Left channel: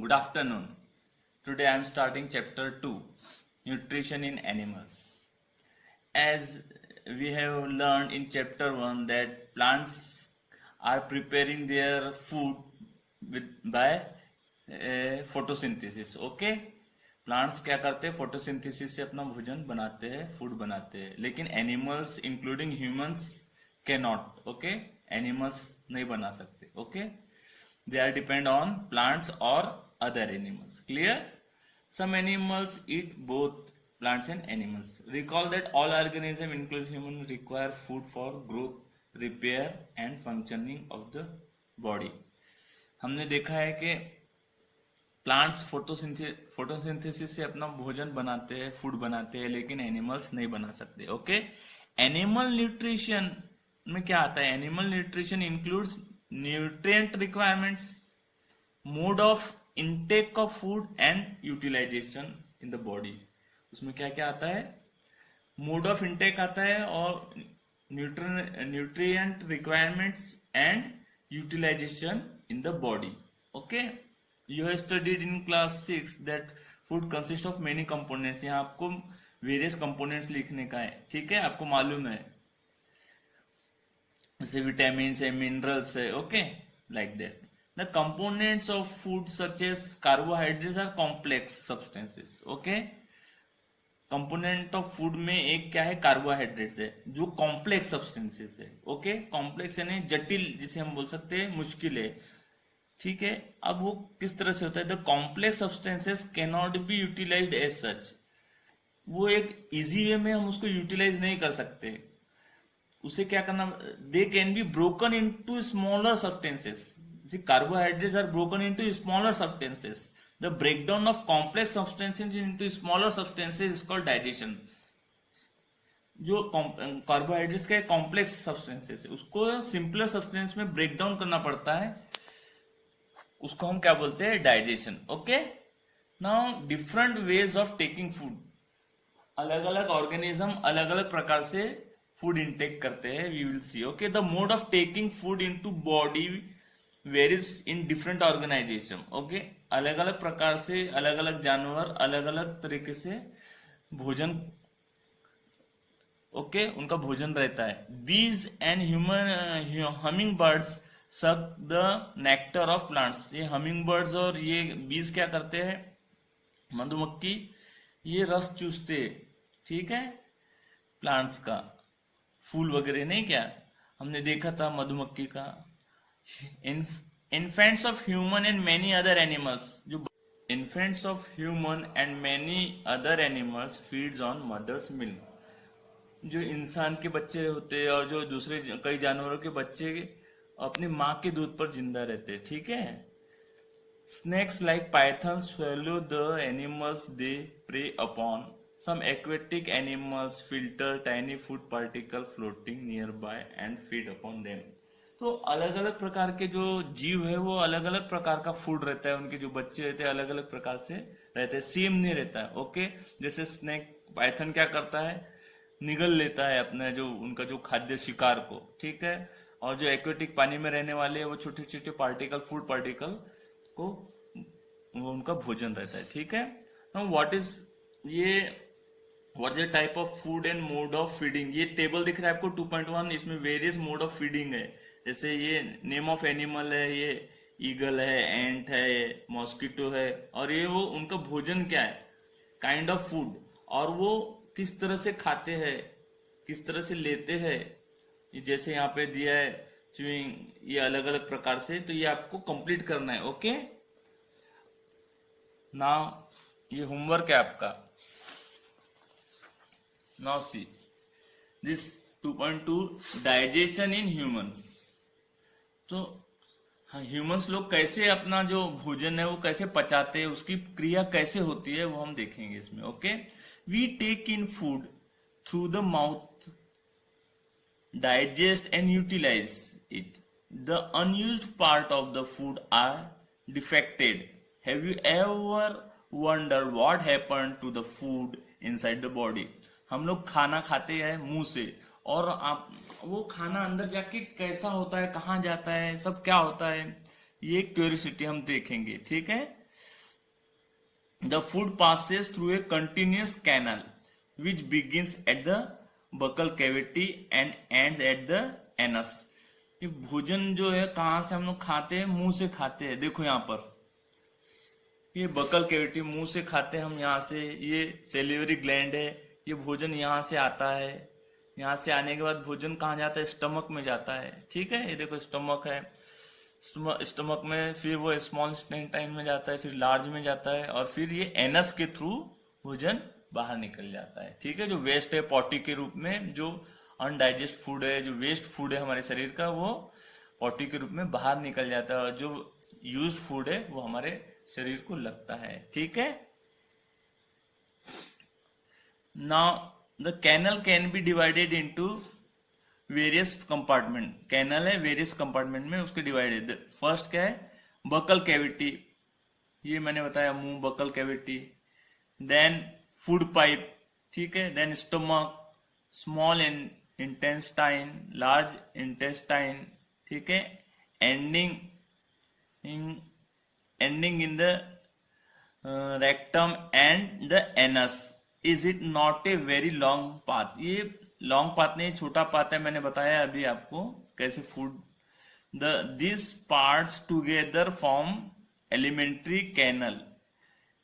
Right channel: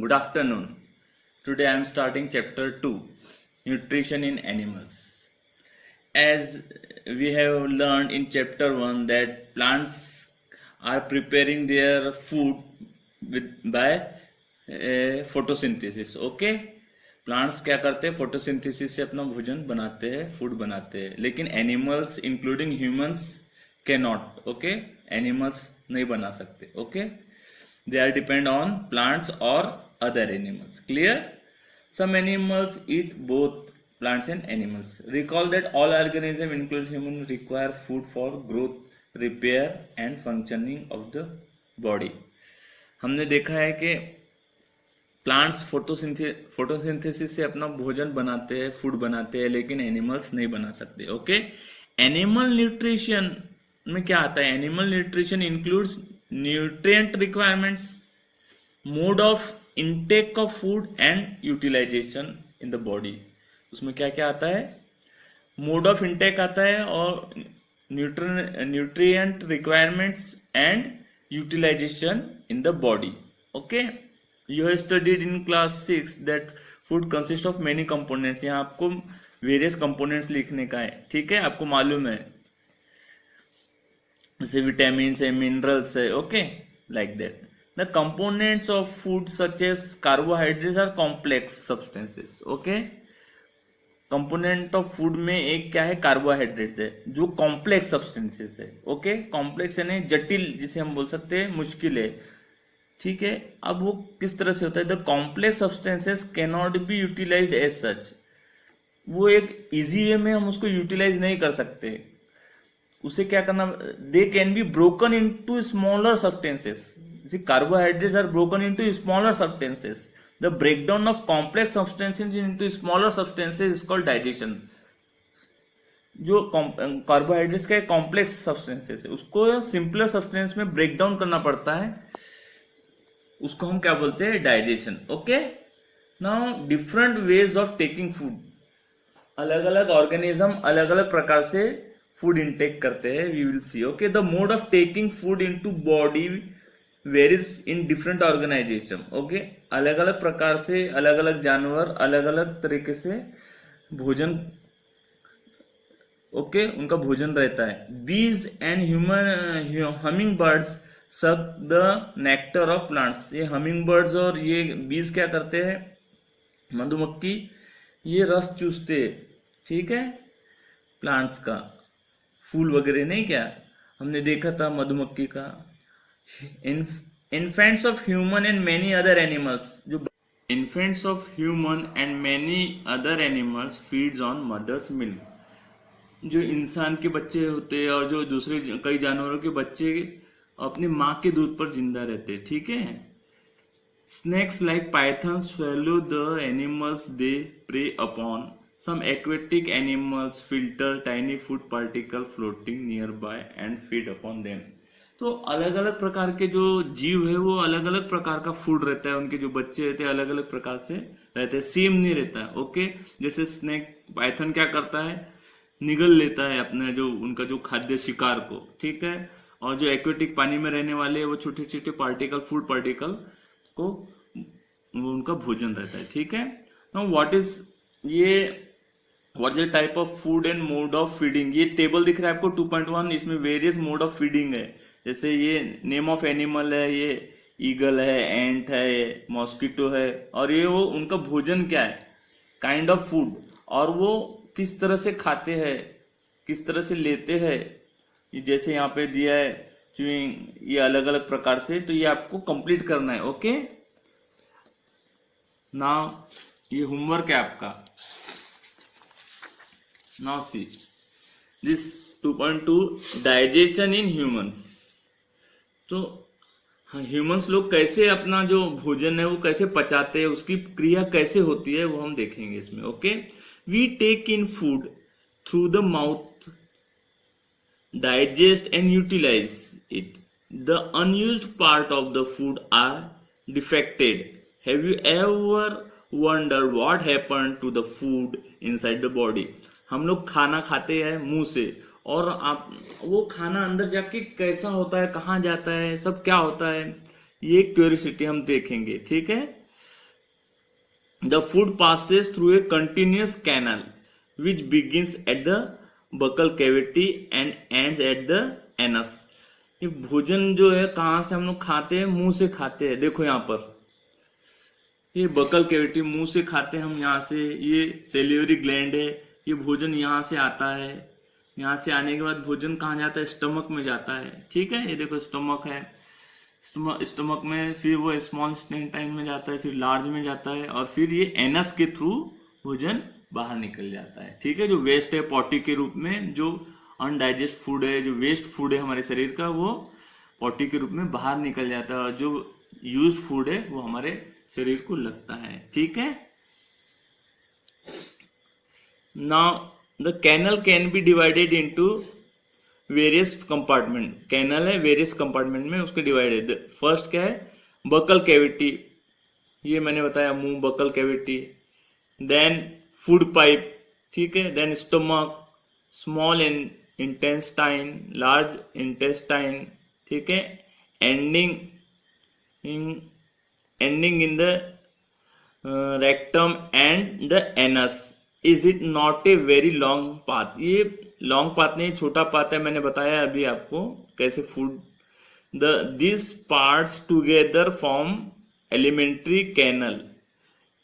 Good afternoon. Today I am starting chapter 2, Nutrition in Animals. As we have learned in chapter 1 that plants are preparing their food by photosynthesis. Okay? Plants क्या करते हैं? Photosynthesis से अपना भोजन बनाते हैं, food बनाते हैं. लेकिन animals including humans can not. Okay, animals नहीं बना सकते. Okay, they are depend on plants or other animals. Clear? Some animals eat both plants and animals. Recall that all organisms including humans require food for growth, repair and functioning of the body. हमने देखा है कि plants photosynthesis से अपना भोजन बनाते हैं, food बनाते हैं, लेकिन एनिमल्स नहीं बना सकते. ओके, एनिमल न्यूट्रिशन में क्या आता है? Animal nutrition includes nutrient requirements, mode of intake of food and utilization in the body. उसमें क्या क्या आता है? मोड ऑफ इंटेक आता है और nutrient requirements and utilisation in the body. Okay, you have studied in class 6 that food consist of many components. यहाँ आपको वेरियस कंपोनेंट्स लिखने का है. ठीक है, आपको मालूम है जैसे विटामिन है, मिनरल्स है. Okay, like that. The components of food such as carbohydrates are complex substances. Okay, component of food में एक क्या है? कार्बोहाइड्रेट्स है, जो कॉम्प्लेक्स सब्सटेंसेस है. ओके, कॉम्प्लेक्स यानी जटिल, जिसे हम बोल सकते हैं मुश्किल है. ठीक है, अब वो किस तरह से होता है? The complex substances can not be utilised as such. वो एक इजी वे में हम उसको यूटिलाइज नहीं कर सकते. उसे क्या करना? They can be broken into smaller substances. Carbohydrates are broken into smaller substances. The breakdown of complex substances into smaller substances is called digestion. जो कार्बोहाइड्रेट्स का कॉम्प्लेक्स सब्सटेंसेस है, उसको सिंपलर सब्सटेंस में ब्रेक डाउन करना पड़ता है. उसको हम क्या बोलते हैं? Digestion. Okay, now different ways of taking food. अलग अलग ऑर्गेनिज्म अलग अलग प्रकार से फूड इंटेक करते हैं. We will see. Okay, the mode of taking food into body varies in different organisation. Okay, अलग अलग प्रकार से अलग अलग जानवर अलग अलग तरीके से भोजन उनका भोजन रहता है. बीज and humming birds suck the nectar of plants. ये हमिंग बर्ड्स और ये बीज क्या करते हैं? मधुमक्खी ये रस चूसते. ठीक है, प्लांट्स का, फूल वगैरह नहीं. क्या हमने देखा था मधुमक्खी का. Infants of human and many other animals. जो infants of human and many other animals feeds on mother's milk. जो इंसान के बच्चे होते हैं और जो दूसरे कई जानवरों के बच्चे अपनी माँ के दूध पर जिंदा रहते हैं. ठीक है. Snakes like python swallow the animals they prey upon. Some aquatic animals filter tiny food particle floating nearby and feed upon them. तो अलग अलग प्रकार के जो जीव है वो अलग अलग प्रकार का फूड रहता है. उनके जो बच्चे रहते हैं अलग अलग प्रकार से रहते हैं, सेम नहीं रहता है. ओके, जैसे स्नेक, पाइथन क्या करता है? निगल लेता है अपना जो उनका जो खाद्य शिकार को. ठीक है, और जो एक्वेटिक पानी में रहने वाले वो छोटे छोटे पार्टिकल, फूड पार्टिकल को वो उनका भोजन रहता है. ठीक है. Now what is the type of food and mode of feeding. ये टेबल दिख रहा है आपको 2.1. इसमें वेरियस मोड ऑफ फीडिंग है. जैसे ये नेम ऑफ एनिमल है, ये ईगल है, एंट है, मॉस्किटो है, और ये वो उनका भोजन क्या है, काइंड ऑफ फूड, और वो किस तरह से खाते हैं, किस तरह से लेते हैं. जैसे यहाँ पे दिया है च्यूइंग, ये अलग अलग प्रकार से. तो ये आपको कंप्लीट करना है. ओके, नाउ ये होमवर्क है आपका. Now see this 2.2 digestion in humans. तो ह्यूमंस लोग कैसे अपना जो भोजन है वो कैसे पचाते हैं, उसकी क्रिया कैसे होती है वो हम देखेंगे इसमें. Okay, we take in food through the mouth, digest and utilise it. The unused part of the food are defected. Have you ever wonder what happened to the food inside the body. हम लोग खाना खाते हैं मुंह से, और आप वो खाना अंदर जाके कैसा होता है, कहाँ जाता है, सब क्या होता है, ये क्यूरियोसिटी हम देखेंगे. ठीक है. The food passes through a continuous canal which begins at the buccal cavity and ends at the anus. ये भोजन जो है कहाँ से हम लोग खाते हैं? मुंह से खाते हैं। देखो यहाँ पर ये बकल कैविटी, मुंह से खाते हैं हम यहाँ से। ये सेलिवरी ग्लैंड है, ये भोजन यहाँ से आता है। यहाँ से आने के बाद भोजन कहाँ जाता है? स्टमक में जाता है। ठीक है, ये देखो स्टमक है, स्टमक में फिर वो स्मॉल इंटेस्टाइन में जाता है, फिर लार्ज में जाता है, और फिर ये एनस के थ्रू भोजन बाहर निकल जाता है। ठीक है, जो वेस्ट है पॉटी के रूप में, जो अनडाइजेस्ट फूड है, जो वेस्ट फूड है हमारे शरीर का, वो पॉटी के रूप में बाहर निकल जाता है, और जो यूज फूड है वो हमारे शरीर को लगता है। ठीक है, now the canal can be divided into various compartment. Canal है, वेरियस कंपार्टमेंट में उसके डिवाइडेड। फर्स्ट क्या है? बकल कैविटी, ये मैंने बताया, मुंह buccal cavity. Then food pipe, ठीक है। Then stomach, small intestine, large intestine, ठीक है। Ending in the rectum and the anus. Is it not a very long path? ये लॉन्ग पाथ नहीं, छोटा पाथ है। मैंने बताया अभी आपको कैसे food this parts together form alimentary canal.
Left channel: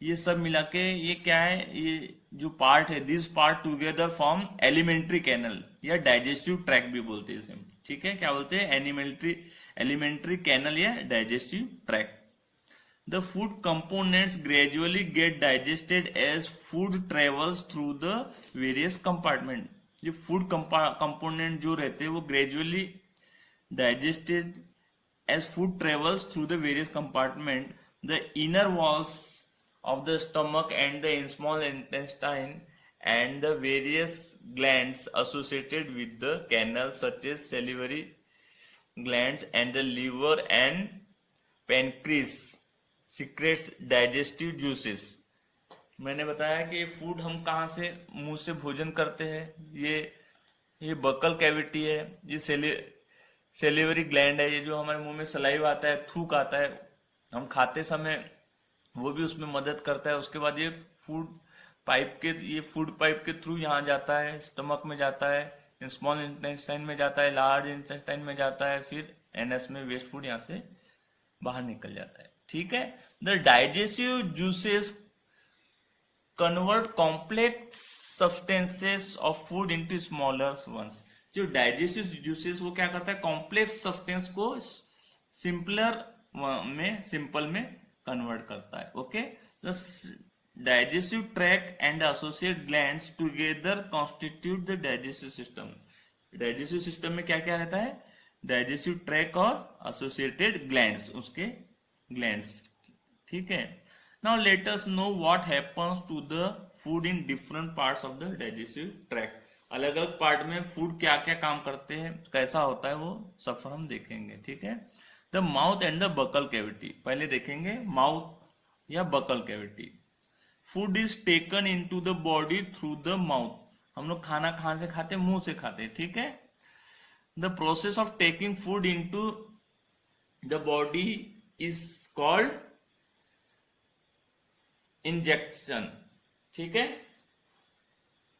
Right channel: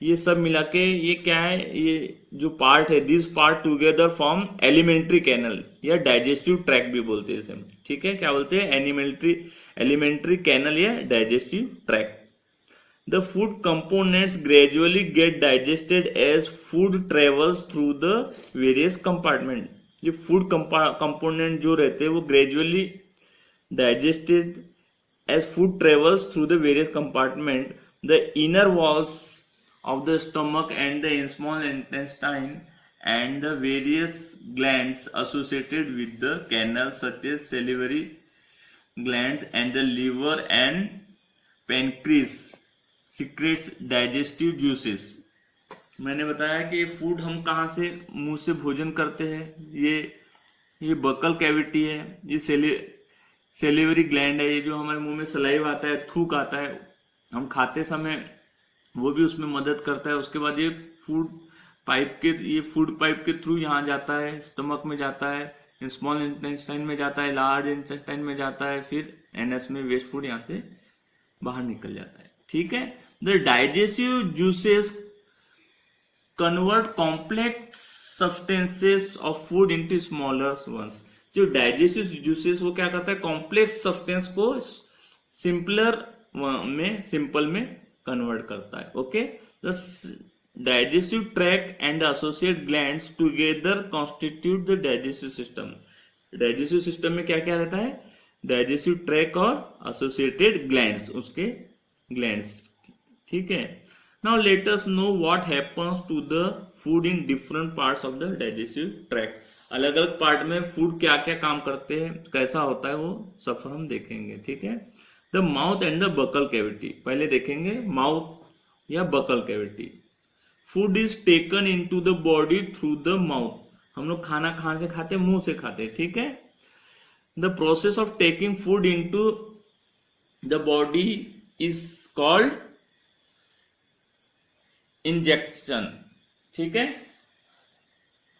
ये सब मिला के ये क्या है? ये जो पार्ट है, this part together form alimentary canal, या डाइजेस्टिव ट्रैक भी बोलते हैं इसे। ठीक है, क्या बोलते हैं? एलिमेंट्री कैनल या digestive tract. The food components gradually get digested as food travels through the various compartment. ये food component जो रहते हैं वो gradually digested as food travels through the various compartment. The inner walls of the stomach and the small intestine and the various glands associated with the canal such as salivary glands and the liver and pancreas secrets digestive juices. मैंने बताया कि ये food हम कहाँ से, मुंह से भोजन करते हैं। ये बकल कैविटी है, ये सेलिवरी ग्लैंड है, ये जो हमारे मुंह में सलाइव आता है, थूक आता है हम खाते समय, वो भी उसमें मदद करता है। उसके बाद ये फूड पाइप के थ्रू यहाँ जाता है, स्टमक में जाता है, स्मॉल इंटेस्टाइन में जाता है, लार्ज इंटेस्टाइन में जाता है, फिर एनएस में वेस्ट फूड यहाँ से बाहर निकल जाता है। ठीक है, the digestive juices convert complex substances of food into smaller ones. जो डाइजेस्टिव जूसेस वो क्या करता है? कॉम्प्लेक्स सब्सटेंस को सिंपल में कन्वर्ट करता है। Okay, the digestive tract and associate glands together constitute the digestive system. Digestive system में क्या क्या रहता है? डाइजेस्टिव ट्रैक और एसोसिएटेड ग्लैंड्स, उसके ग्लैंड्स। ठीक है, now let us know what happens to the food in different parts of the digestive track. अलग अलग पार्ट में फूड क्या क्या काम करते हैं, कैसा होता है, वो सब हम देखेंगे। ठीक है, the mouth and the buccal cavity. पहले देखेंगे माउथ या buccal cavity. Food is taken into the body through the mouth. हम लोग खाना कहां से खाते हैं? मुंह से खाते हैं। ठीक है, the process of taking food into the body is called injection. ठीक है,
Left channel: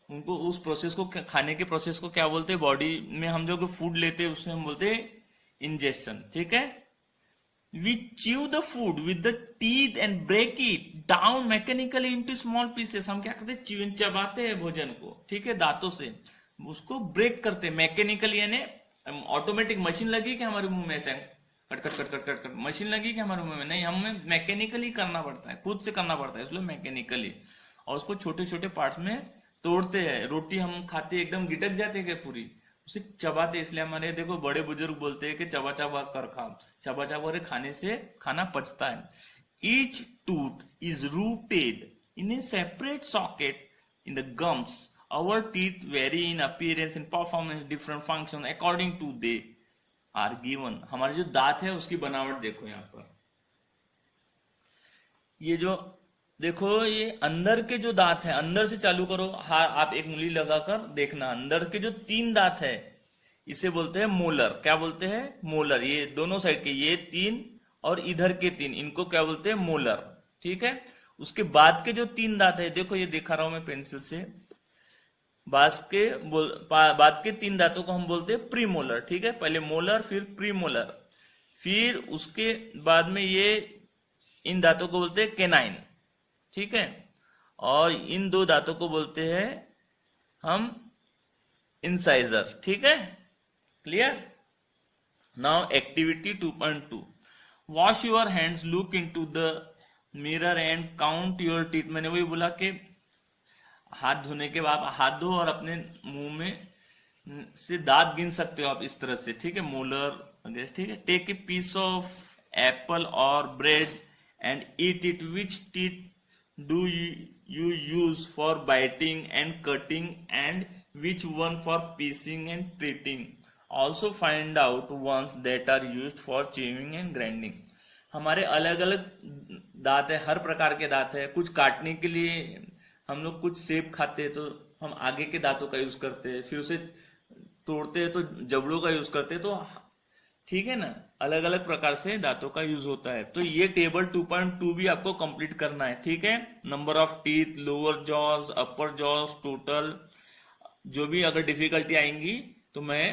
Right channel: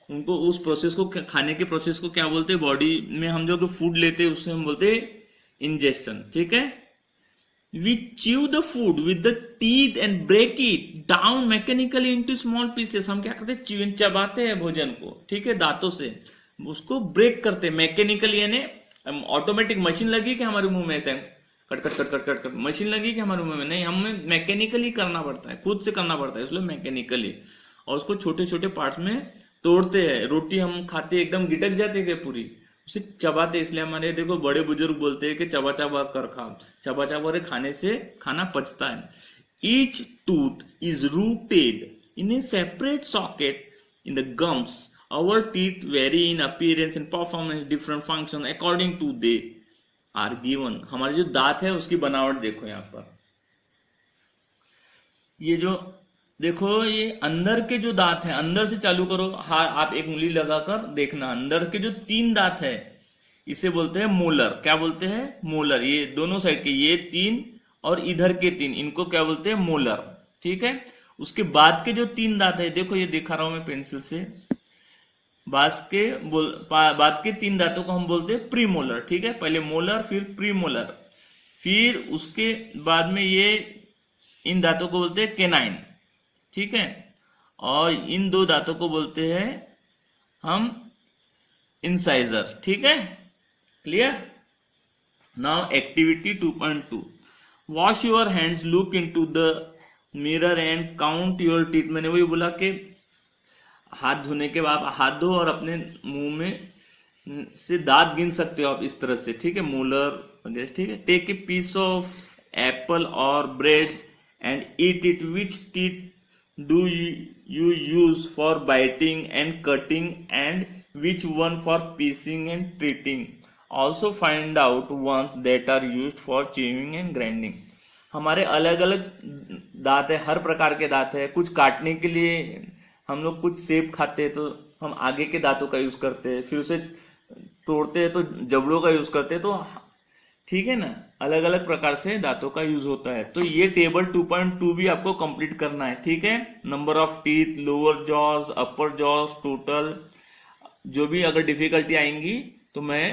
उनको उस प्रोसेस को, खाने के प्रोसेस को क्या बोलते हैं? बॉडी में हम जो फूड लेते हैं उसमें हम बोलते हैं इंजेक्शन। ठीक है, we chew the food with the teeth and break it down mechanically into small pieces. हम क्या करते हैं? चबाते हैं भोजन को, ठीक है, दांतों से उसको ब्रेक करते हैं मैकेनिकली। यानी ऑटोमेटिक मशीन लगी कि हमारे मुंह में से cut cut cut cut cut cut machine लगी कि हमारे मुंह में? नहीं, हमें मैकेनिकली करना पड़ता है, खुद से करना पड़ता है, इसलिए मैकेनिकली। और उसको छोटे छोटे पार्ट्स में तोड़ते हैं। रोटी हम खाते एकदम गिटक जाते हैं पूरी, उसे चबाते। इसलिए हमारे देखो बड़े बुजुर्ग बोलते हैं कि चबा चबा कर खाओ, चबा चबा कर खाने से खाना पचता है। Each tooth is rooted in A separate socket in the gums. Our teeth vary in appearance and performance different functions according to they are given. हमारे जो दांत है उसकी बनावट देखो यहाँ पर। ये जो देखो, ये अंदर के जो दांत है, अंदर से चालू करो, हाँ आप एक उंगली लगाकर देखना, अंदर के जो 3 दांत है इसे बोलते हैं मोलर। क्या बोलते हैं? मोलर। ये दोनों साइड के ये 3 और इधर के 3, इनको क्या बोलते हैं? मोलर। ठीक है, उसके बाद के जो 3 दांत है, देखो ये दिखा रहा हूं मैं पेंसिल से, बाद के 3 दांतों को हम बोलते हैं प्रीमोलर, ठीक है। पहले मोलर फिर प्रीमोलर, फिर उसके बाद में ये इन दांतों को बोलते हैं केनाइन, ठीक है। और इन 2 दांतों को बोलते हैं हम इंसाइजर, ठीक है। Clear. Now activity 2.2, wash your hands, look into the mirror and count your teeth. मैंने वही बोला कि हाथ धोने के बाद हाथ धो और अपने मुंह में से दांत गिन सकते हो आप इस तरह से, ठीक है, मोलर वगैरह, ठीक है। Take a piece of apple और bread and eat it, which teeth do you use for biting and cutting and which one for piecing and treating, also find out ones that are used for chewing and grinding। हमारे अलग अलग दांत है, हर प्रकार के दांत है। कुछ काटने के लिए हम लोग कुछ सेब खाते हैं तो हम आगे के दांतों का यूज करते हैं, फिर उसे तोड़ते हैं तो जबड़ों का यूज करते हैं, तो ठीक है ना, अलग अलग प्रकार से दांतों का यूज होता है। तो ये टेबल 2.2 भी आपको कंप्लीट करना है, ठीक है। Number of teeth, lower jaws, upper jaws, total, जो भी अगर डिफिकल्टी आएंगी तो मैं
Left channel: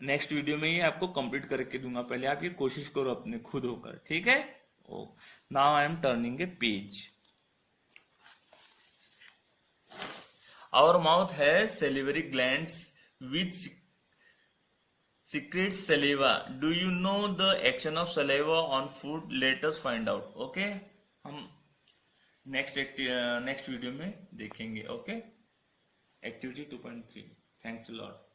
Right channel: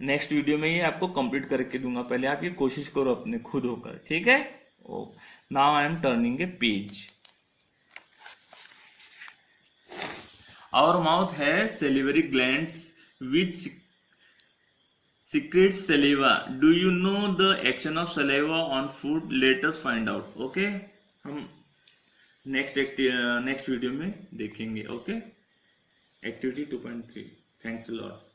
नेक्स्ट वीडियो में ये आपको कंप्लीट करके दूंगा। पहले आप ये कोशिश करो अपने खुद होकर, ठीक है। Oh now I am turning a page. Our mouth है salivary glands which secretes saliva. Do you know the action of saliva on food? Let us find out. Okay, हम नेक्स्ट वीडियो में देखेंगे। Okay, activity 2.3। Thanks a lot.